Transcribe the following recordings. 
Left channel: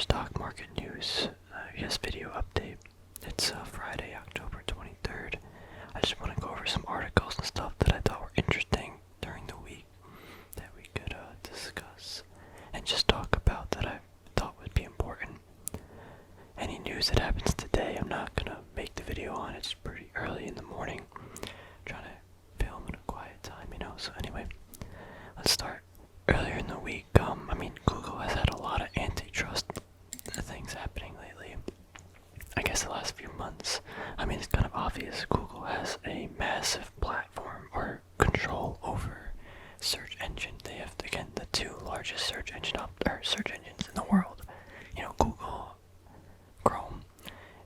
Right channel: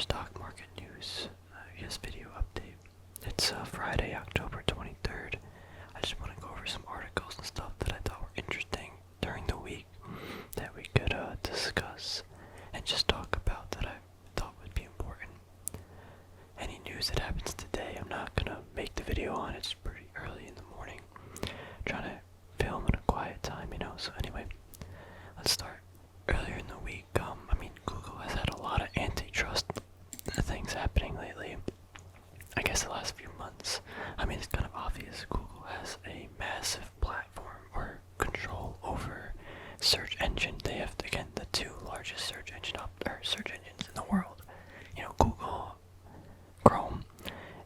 stock market news, video update. It's Friday, October 23rd. I just want to go over some articles and stuff that I thought were interesting during the week that we could discuss and just talk about that I thought would be important. Any news that happens today, I'm not going to make the video on. It's pretty early in the morning. Trying to film in a quiet time, So anyway, let's start. Earlier in the week, Google has had a lot of antitrust things happening lately. I guess the last few months. It's kind of obvious. Google has a massive platform or control over search engine. They have, again, the two largest search engines in the world. Google, Chrome,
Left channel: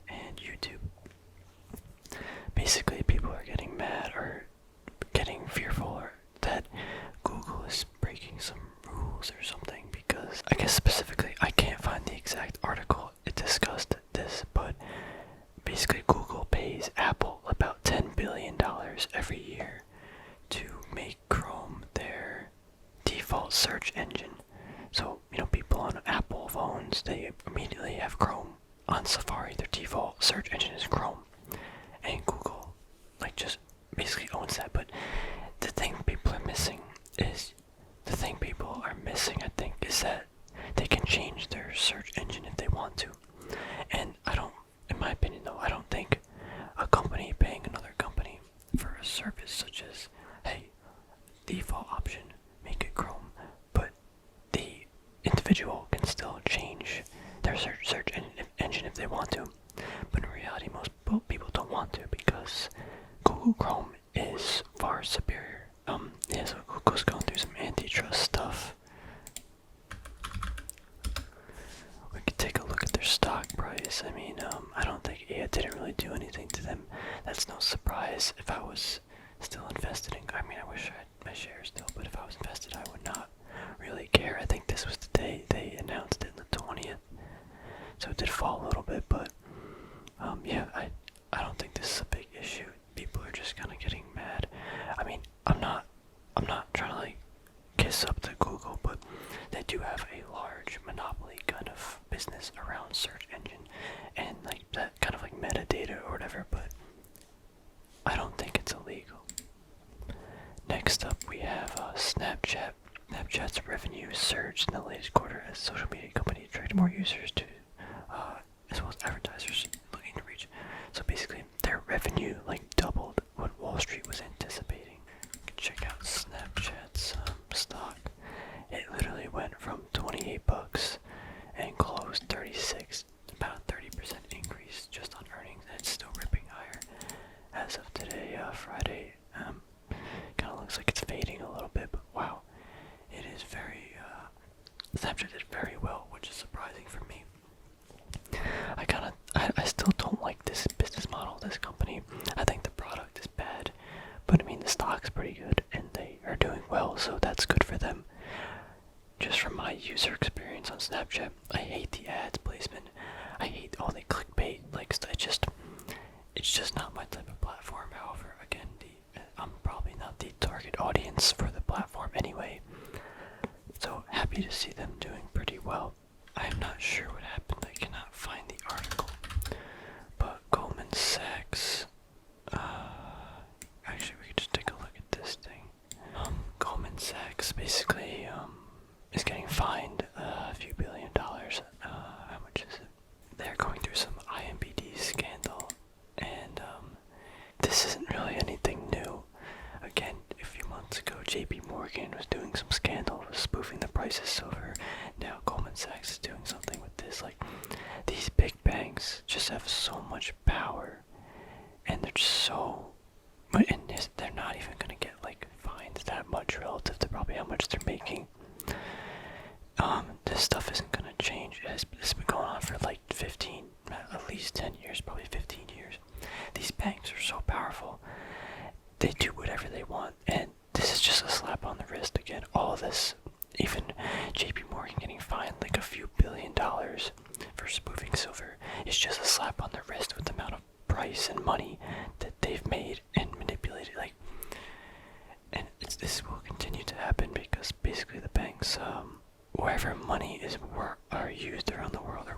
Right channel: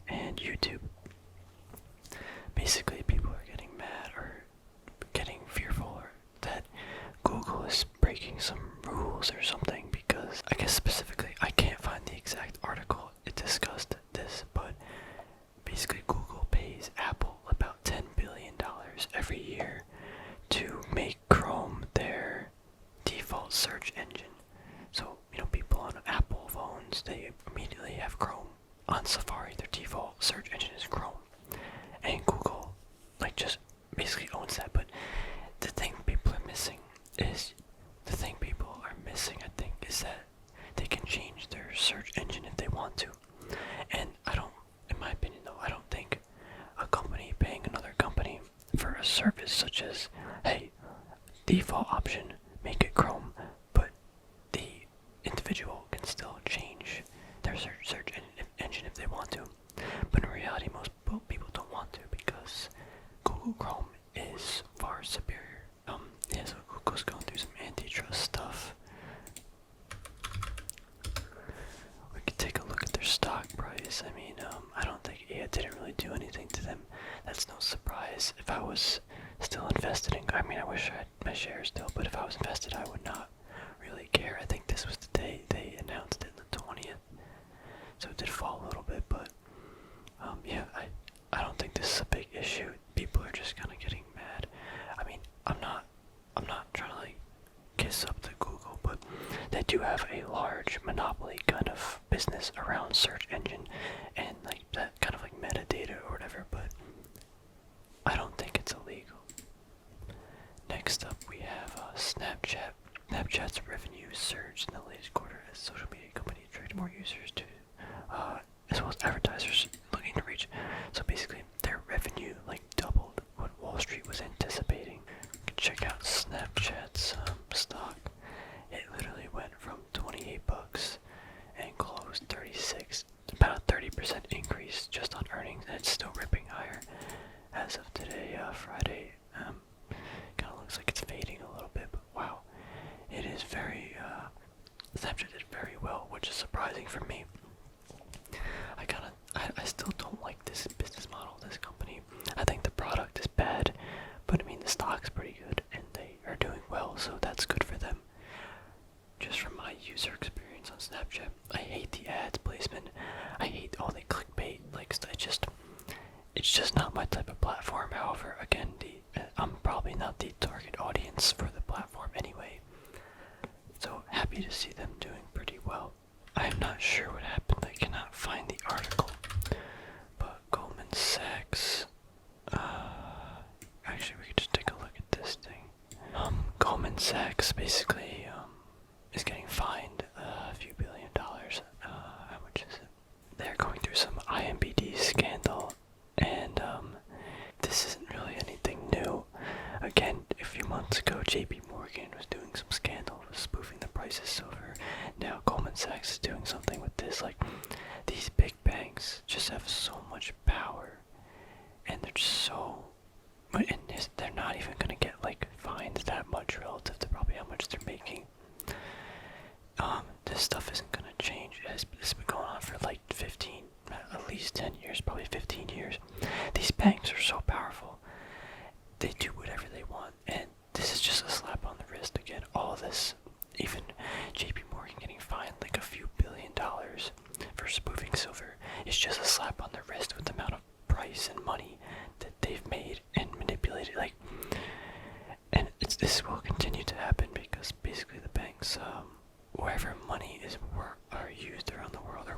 and YouTube. Basically, people are getting mad or getting fearful that Google is breaking some rules or something, because I guess specifically I can't find the exact article it discussed this, but basically Google pays Apple about $10 billion every year to make Chrome their default search engine. So, people on Apple phones, they immediately have Chrome. On Safari, their default search engine is Chrome. And Google, just basically owns that. But the thing people are missing, I think, is that they can change their search engine if they want to. And in my opinion though, I don't think a company paying another company for a service such as, hey, default option, make it Chrome, but the individual can still change their search engine if they want to. But in reality, most people don't want to, because Google Chrome is far superior. So Google's going through some antitrust stuff. We could take a look at their stock price. I don't think it didn't really do anything to them. That's no surprise. If I was still invested in, I wish I had my shares still, but if I was invested, I would not really care. I think this was the day they announced it, the 20th. So it did fall a little bit, but I don't think this is a big issue. People are just kind of getting mad. I'm not trying to kiss up to Google, but they do have a large monopoly kind of business around search engine and that kind of metadata or whatever, but I don't think it's illegal. Next up, we have Snapchat. Snapchat's revenue surged in the latest quarter as social media company attracted more users to, as well as advertisers looking to reach. So basically, their revenue doubled what Wall Street was anticipating. You can check out Snapchat's stock. It literally went from $28 and closed 36, about a 30% increase just on earnings, and it's still ripping higher as of today, Friday. Kind of looks like it's fading a little bit, but wow, it is very. Snapchat did very well, which is surprising for me. I still don't like this business model, this company. I think the product is bad, but the stock's pretty good and they are doing well, so that's good for them. Just from my user experience on Snapchat, I hate the ads placement. I hate all the clickbait, it's just not my type of platform. However, again, I'm probably not the target audience for the platform anyway. So happy to see them doing pretty well. I'm not sure what happened. I cannot find the article. But Goldman Sachs, actually we could just take a look at this thing. Goldman Sachs basically is getting fined a few $1 billion. How much is it? They're going through some IMBD scandal, and this isn't really anything new. Again, a few months ago, JP Morgan was doing some scandal, was spoofing the price of silver. Now Goldman Sachs is doing something with this. These big banks just have so much power, and they're just they're not even gonna get fines that much relative to probably how much they're making. This stuff isn't gonna change. It's been going on for 15, at least 10 years, probably 15 years. These banks are so powerful. They do whatever they want, and this is just a slap on the wrist. Again, all this, even JP Morgan getting fined a few $1 billion for spoofing silver, is just a slap on the wrist with the amount of price and money that they've made and manipulated. And this will continue to happen because basically the banks, wherever money are used around the world, or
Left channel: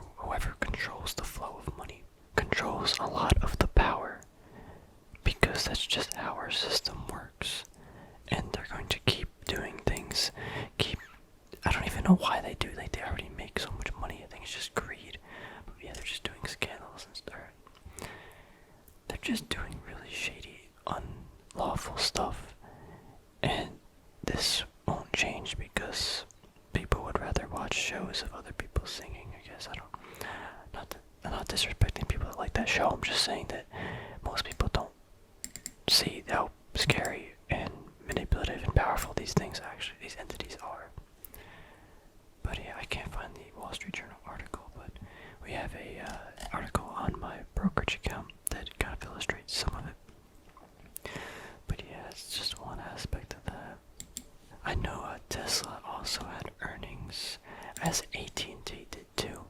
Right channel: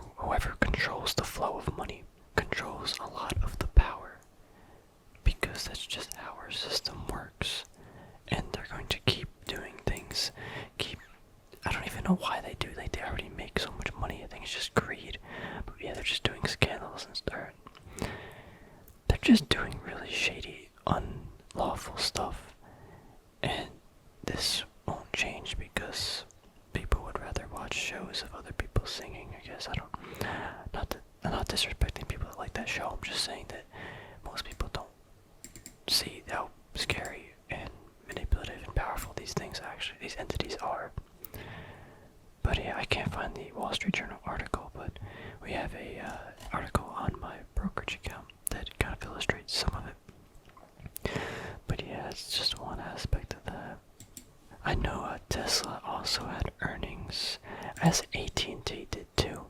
shows of other people singing. I guess I'm not disrespecting people that like that show. I'm just saying that most people don't see how scary and manipulative and powerful these entities are. But yeah, I can't find the Wall Street Journal article, but we have a article on my brokerage account that kind of illustrates some of it. But yeah, it's just one aspect of that. I know Tesla also had earnings, as AT&T did too.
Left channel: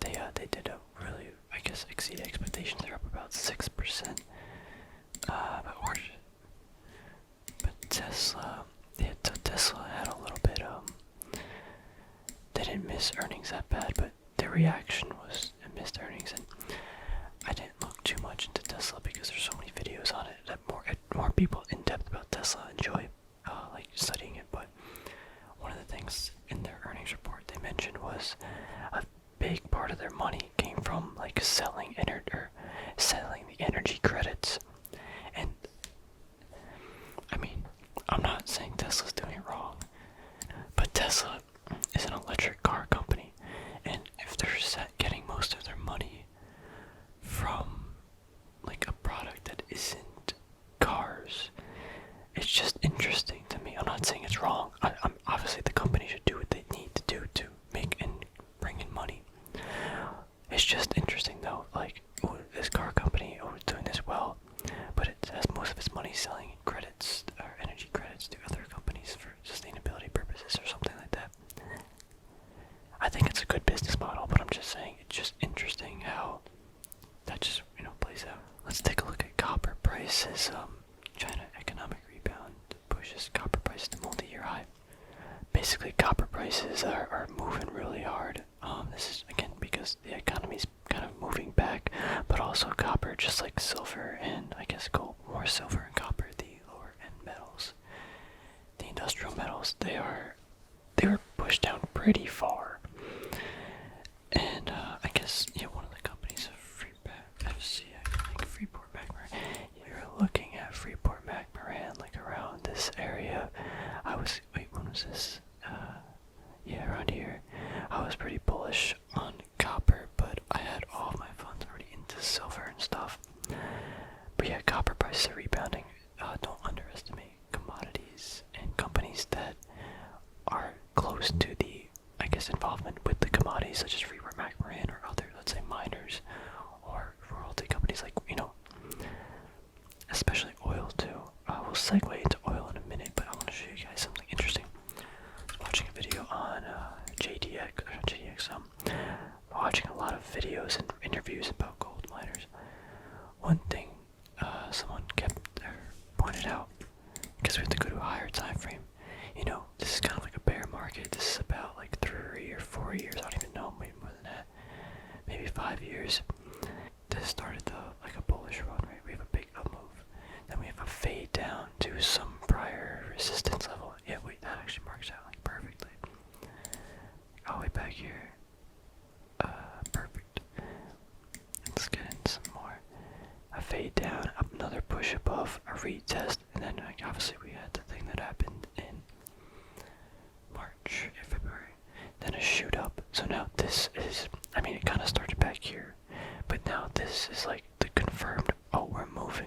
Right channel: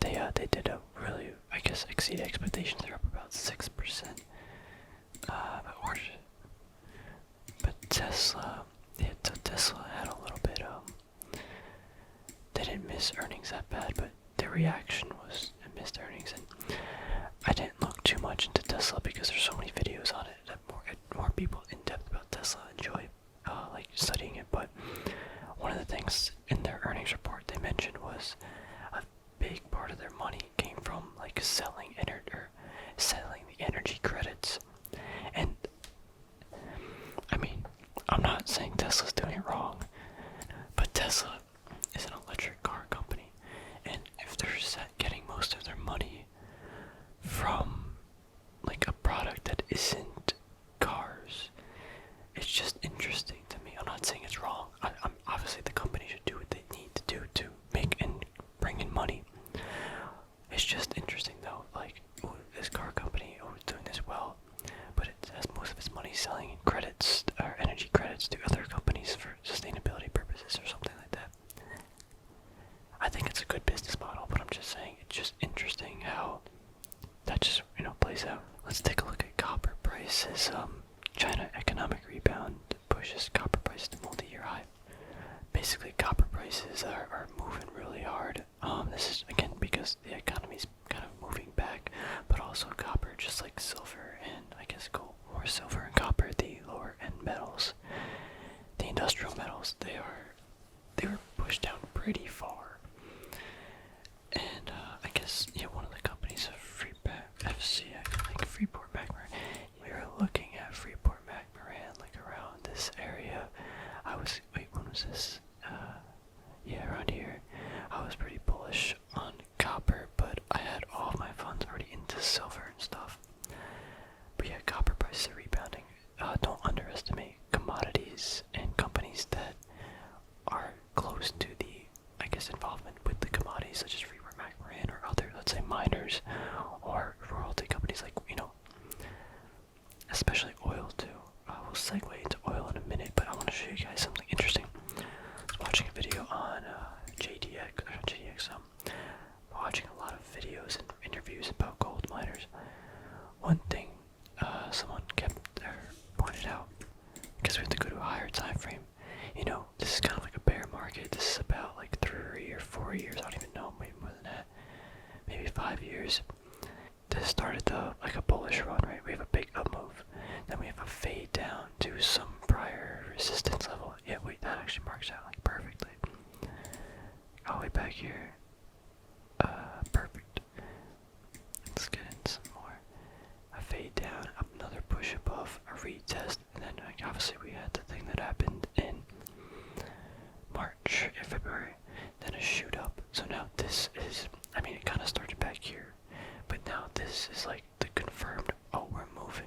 They did a really, I guess, exceed expectations. They're up about 6%. But Tesla, Tesla had a little bit, they didn't miss earnings that bad, but their reaction was it missed earnings, and I didn't look too much into Tesla because there's so many videos on it that more people in depth about Tesla enjoy like studying it. But one of the things in their earnings report they mentioned was a big part of their money came from like selling the energy credits. And I mean, I'm not saying Tesla's doing it wrong, but Tesla is an electric car company, and if they're getting most of their money from like a product that isn't cars, it's just interesting to me. I'm not saying it's wrong. I'm obviously the company should do what they need to do to make and bring in money. It's just interesting though, like, this car company is doing this well, but it has most of its money selling credits or energy credits to other companies for sustainability purposes or something like that. I think it's a good business model, but I'm just saying it's just interesting how that just, plays out. Let's take a look at copper prices. China economic rebound pushes copper prices to multi-year high. Basically, copper prices are moving really hard. This is, again, because the economy's kind of moving back, but also copper, just like silver and, I guess, gold, more silver and copper, the lower end metals, the industrial metals, they were pushed down pretty far. And, I guess, one of the companies of Freeport McMoran. We were looking at Freeport McMoran, like around this area. When was this? Around here. I was pretty bullish on copper, but I had all of my funds already into silver and stuff. But yeah, copper prices are rebounding. Don't underestimate commodities and companies that are close to the, I guess, involvement with the commodities, such as Freeport McMoran or other, let's say, miners or royalty companies, like, especially oil too. We'll segue into oil in a minute, but I want to show you guys something interesting. I was watching a video on watching a lot of videos and interviews about gold miners. One thing someone pointed out, because we have to go to a higher time frame. This is kind of like a bear market. This is about like 3 or 4 years. I don't even know, maybe more than that. Maybe 5 years. This started like a bullish run, right? We have a big up move. Then we have a fade down to some prior resistance level. Yeah, wait, that actually marks out like perfectly. All the way back here. Perfect. Let's get in some more. A fade down, up another push above, a retest, and then obviously we had the thing that happened in March or February. Then a shoot up. So now this is, it kind of started back here, but now this is like the confirmed, oh, we're moving.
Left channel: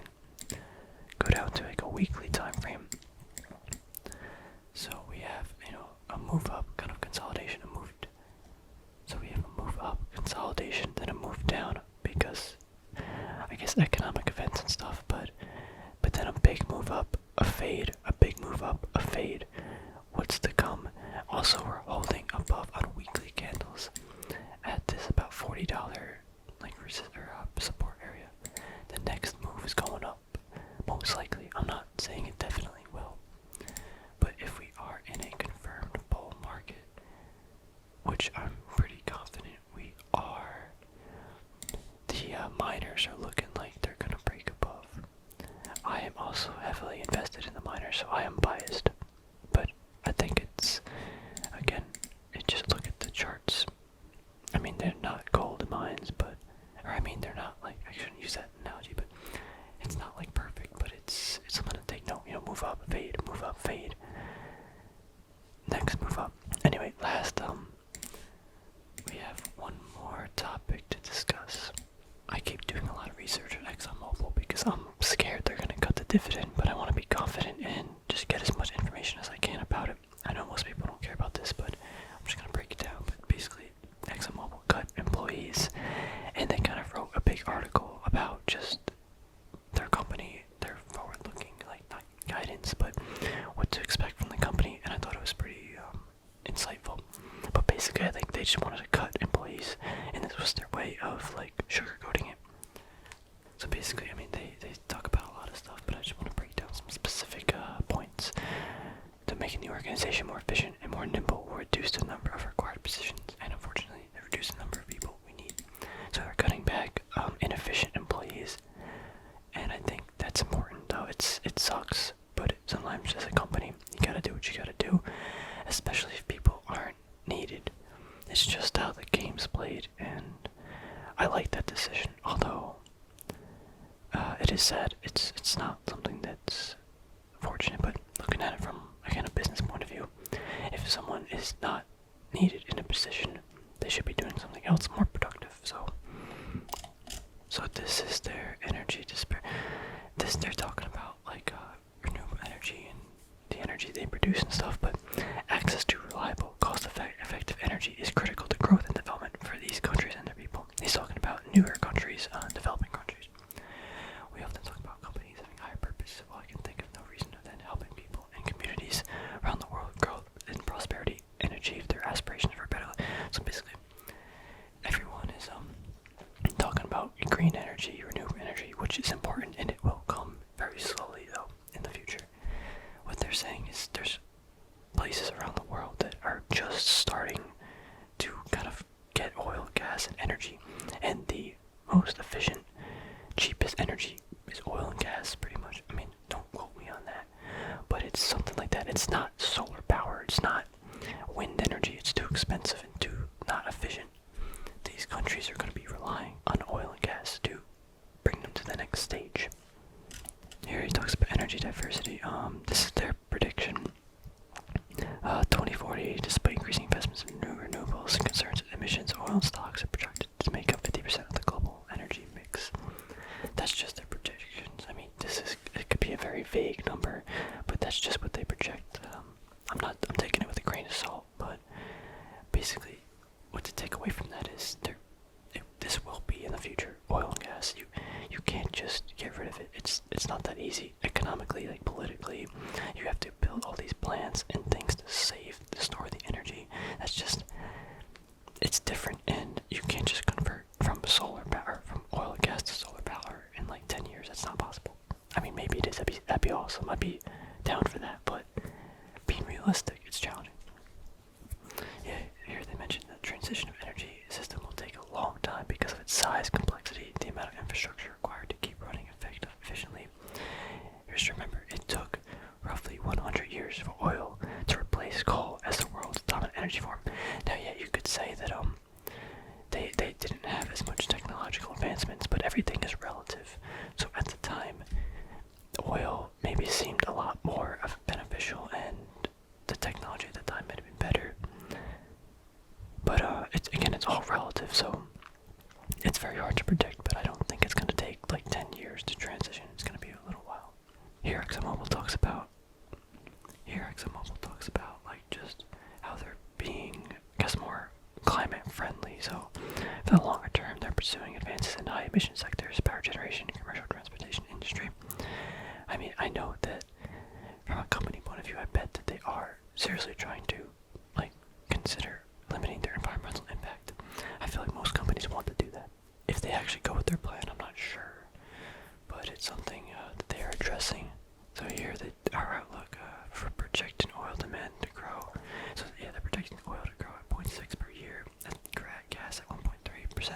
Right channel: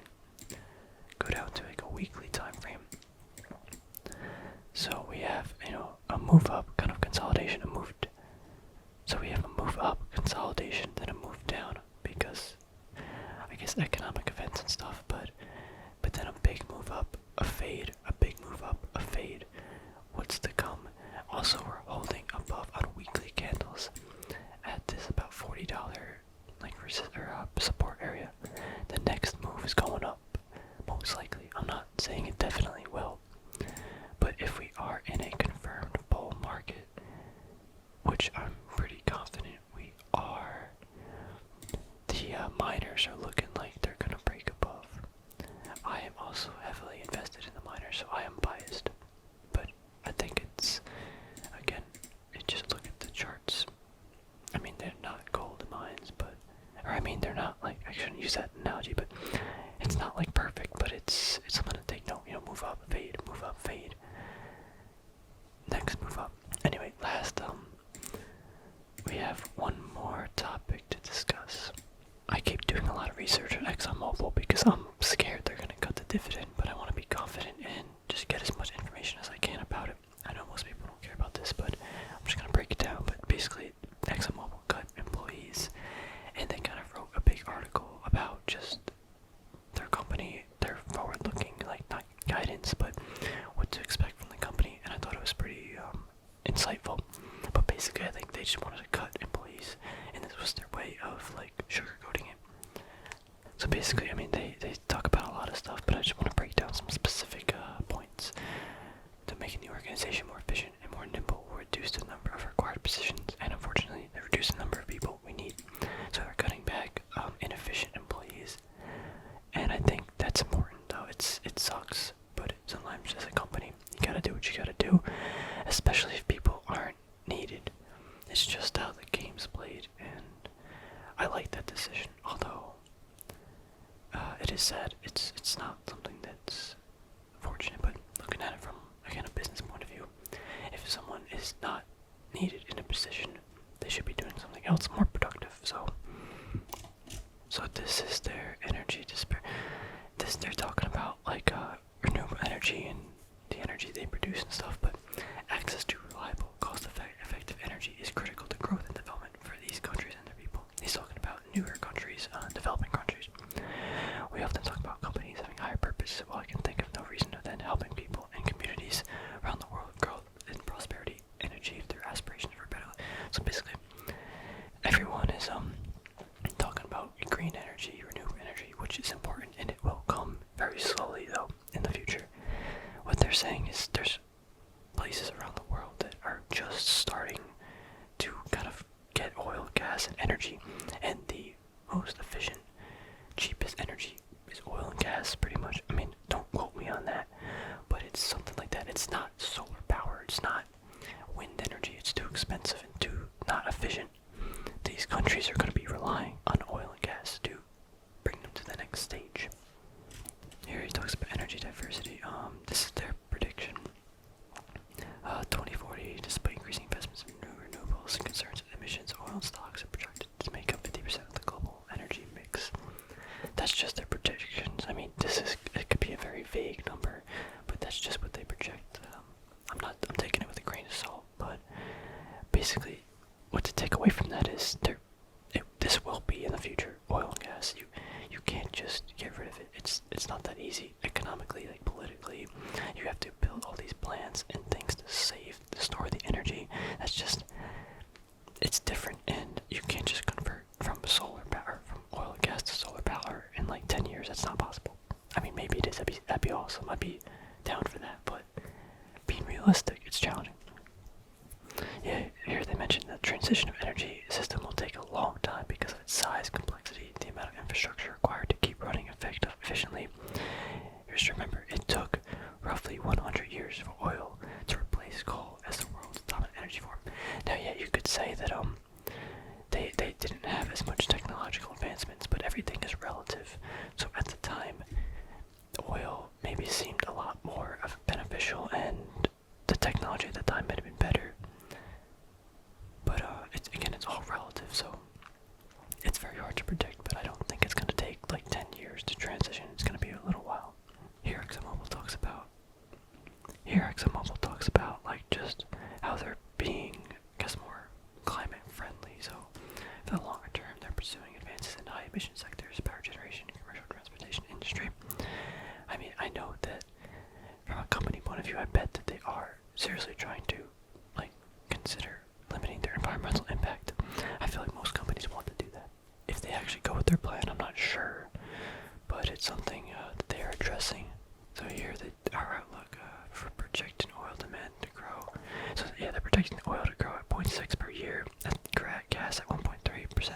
Go down to like a weekly time frame. So we have, a move up, kind of consolidation, so we have a move up, consolidation, then a move down, because I guess economic events and stuff, but then a big move up, a fade, a big move up, a fade. What's to come? Also, we're holding above on weekly candles at this about $40 support area. The next move is going up, most likely. I'm not saying it definitely will, but if we are in a confirmed bull market, which I'm pretty confident we are, the miners are looking like they're gonna break above. I am also heavily invested in the miners, so I am biased, but I think it's, again, just look at the charts. They're not gold mines, they're not like, I shouldn't use that analogy, but it's not like perfect, but it's something to take note. Move up, fade, move up, fade. Next move up. Anyway, last have one more topic to discuss. I keep doing a lot of research on ExxonMobil because I'm scared they're going to cut the dividend, but I want to be confident and just get as much information as I can about it. I know most people don't care about this, but I'm just going to break it down. But basically, ExxonMobil cut employees, and they kind of wrote a big article about just their company, their forward-looking, like, not guidance, but what to expect from the company, and I thought it was pretty insightful. But basically, I think they just wanted to cut employees, and this was their way of, like, sugarcoating it. So basically, I mean, they talk about a lot of stuff, but I just want to break down some specific points. To making the organization more efficient and more nimble will reduce the number of required positions, and unfortunately, they reduce the number of people we need. So they're cutting back inefficient employees, and I think that's important, though. It sucks, but sometimes as a company, you gotta do what you gotta do, especially if people aren't needed. It's just how the game's played, and I like that decision, although it is sad. It's not something that's fortunate, but looking at it from, again, a business point of view, if someone is not needed in a position, they should be doing something else more productive. So this is their energy despair. They're talking about, like, renewable energy and the energy they produce and stuff, but access to reliable, cost-effective energy is critical to growth and development for these countries and their people. He's talking about newer countries, developing countries. We often talk about companies having higher purpose. Well, I can think of no reason other than helping people and communities around the world grow in prosperity and achieve their aspirations for better life. So basically, everyone is talking about green energy, renewable energy, which is important, and it will come very slowly, though, in the future. What they're saying is there's places around the world that are just starting to kind of get oil, gas, and energy, and the most efficient, cheapest energy is oil and gas, pretty much. I mean, don't quote me on that, but it's something like that. It's not solar power, it's not wind energy, it's too expensive and too not efficient. These countries are going to be relying on oil and gas to bring them to the next stage. Here he talks about energy diversity. This is their prediction. 2040, despite increasing investments in new renewables and concerns with emissions, oil stocks are projected to make up 50% of the global energy mix. That's just their predictions. I mean, it could be a very vague number, but that's just what they project. I'm taking it with a grain of salt, but basically, what to take away from that is this will be in the future, oil and gas. You can't just get rid of it. It's not that easy economically, like politically. You have to build all these plants and things to store the energy. It's different, and you can't just convert from solar power, from oil and gas to solar power in like 10 years. That's not possible. I mean, maybe it is. That'd be awesome. I'd be down for that, but being realistic, it's challenging. Yeah, here they mentioned the transition of energy system will take a long time because of its size, complexity, the amount of infrastructure required to keep running efficiently. Just remember, it took roughly 100 years for oil to replace coal as the world's dominant energy form. Now, yeah, you could say that they didn't have as much technological advancements, but everything is relative. So at the time, oil maybe seemed a lot more beneficial, and the technology at the time might have been better. But it's all relative, so it's very hard to predict, but I don't think it's going to take like 10 years to transition. It's going to be a little while. Here ExxonMobil talks about like just how they're being, I guess, more climate friendly. So for the longer term, they're pursuing advances in high emission sectors, power generation, and commercial transportation industry. I mean, I know that from a company point of view, I bet that they are seriously trying to like consider limiting their environmental impact. I feel like most companies want to do that. If they actually go with their plan, I'm not sure, but it's something that they are addressing. So here, our outlook for projecting oil demand to grow. So yeah, they're projecting the oil to grow at 0.6 per year, and gas at 1.3%,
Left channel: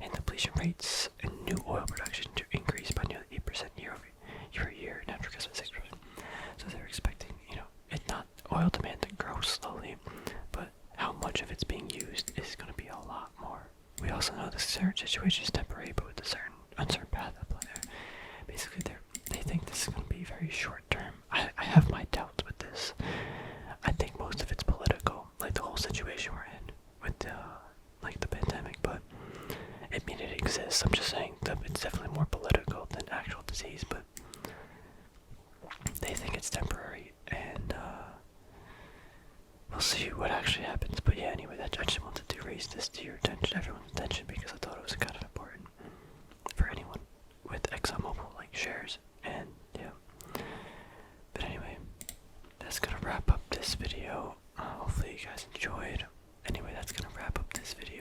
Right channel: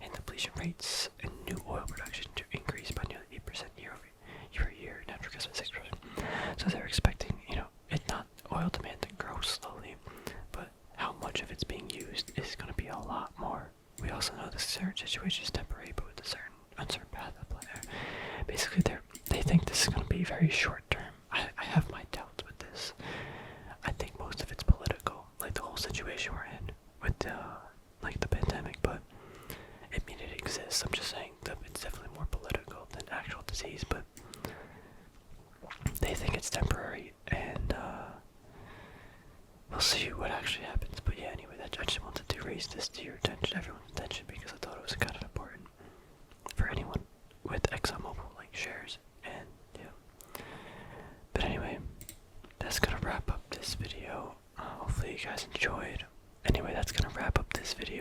and depletion rates and new oil production to increase by nearly 8% year over year, natural gas by 6%. So they're expecting, it's not oil demand to grow slowly, but how much of it's being used is going to be a lot more. We also know this certain situation is temporary, but with a certain uncertain path at play there. Basically, they think this is going to be very short term. I have my doubts with this. I think most of it's political, like the whole situation we're in with like the pandemic, but it exists. I'm just saying that it's definitely more political than actual disease, but they think it's temporary, and we'll see what actually happens. But yeah, anyway, I just wanted to raise this to your attention, everyone's attention, because I thought it was kind of important for anyone with ExxonMobil like shares, and yeah. But anyway, that's gonna wrap up this video. Hopefully you guys enjoyed. Anyway, that's gonna wrap up this video.